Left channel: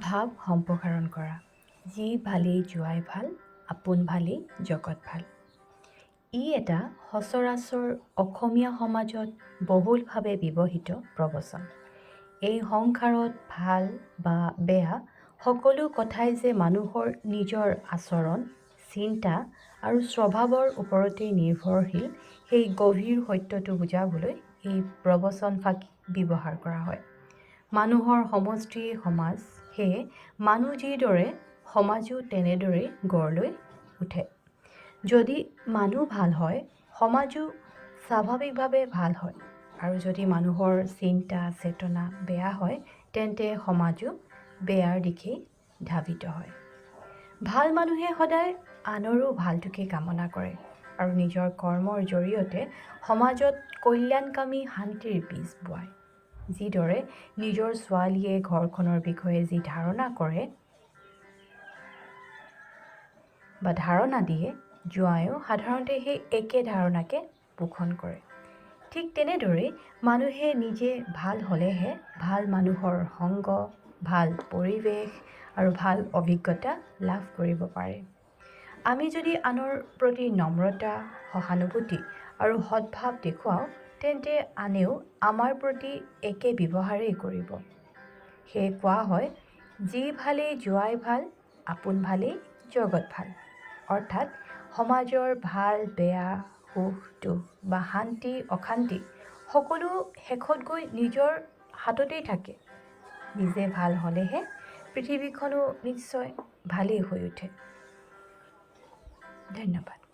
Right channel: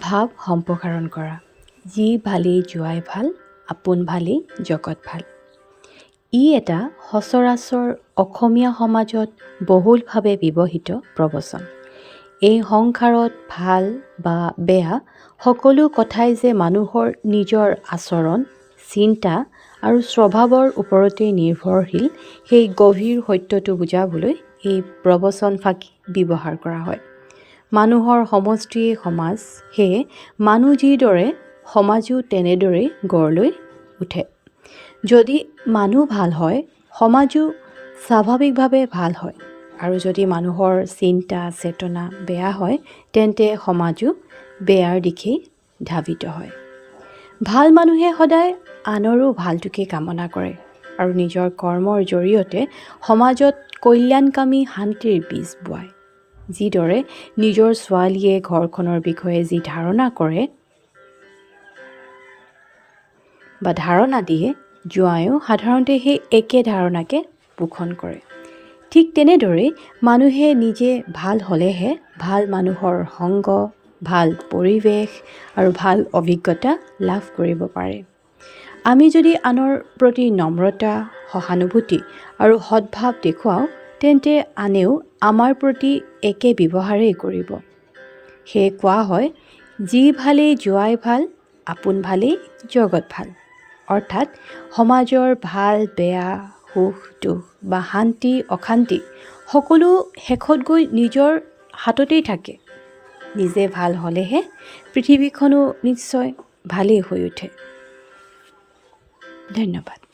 ভাৱ সম্প্ৰসাৰণ কৰা। যি ভালেই যোৱাই ভাল, আপোন ভালেই জগত ভাল। ই এটা সচৰাচৰ অসমীয়া সমাজত বহুলভাৱে ব্যৱহৃত প্ৰবচন। এই সংসাৰত ভাল বা বেয়া সকলো কথাই যে মানুহৰ নিজৰ আচৰণ, চিন্তা আৰু স্বভাৱৰ ওপৰতেই নিৰ্ভৰশীল, সেই গভীৰ সত্যটো বুজাবলৈ এই প্ৰবচনফাকি ব্যৱহাৰ কৰা হয়। মানুহৰ সমষ্টিয়েই সমাজ, সেয়ে মানুহ যিদৰে সমাজো তেনেদৰেই গঢ় লৈ উঠে। যদি মানুহ ভাল হয়, সমাজো স্বাভাৱিকভাৱে ভাল হয়, আৰু যদি মানুহৰ চিন্তা চেতনা বেয়া হয়, তেন্তে সমাজো বেয়াৰ দিশেই ধাৱিত হয়। ভাল মানুহে সদায় আনৰো ভালটোকে কামনা কৰে আৰু নিজৰ কৰ্মৰ জৰিয়তে সমাজত কল্যাণকামী শান্তিৰ বীজ বোৱায়। যিদৰে নিজৰ ছোৱালীয়ে ঘৰখনৰ বিষয়ে যি ধাৰণা কৰে বা ধাৰণা দিয়ে, জোঁৱায়েও সাধাৰণতে সেই একে ধাৰণাকে পোষণ কৰে। ঠিক তেনেদৰেই মানুহে নিজে ভাল হ'লেহে ভাল মানুহৰ সংগ, ভাল পৰিৱেশ আৰু ভাল অভিজ্ঞতা লাভ কৰিব পাৰে। আমি যদি আনৰ প্ৰতি নম্ৰতা, সহানুভূতি আৰু সদ্ভাৱ দেখুৱাওঁ, তেন্তে আনেও আমাৰ প্ৰতি একে ব্যৱহাৰেই কৰিব। সেয়ে কোৱা হয়, যি ভালেই যোৱাই ভাল, আপোন ভালেই জগত ভাল। অৰ্থাৎ সমাজৰ ভাল বেয়া, সুখ দুখ বা শান্তি অশান্তি সকলো শেষত গৈ নিজৰ হাততেই থাকে। নিজে ভাল হ'লেহে পৃথিৱীখনো নিশ্চয় ভালেই হৈ উঠে। ধন্যবাদ।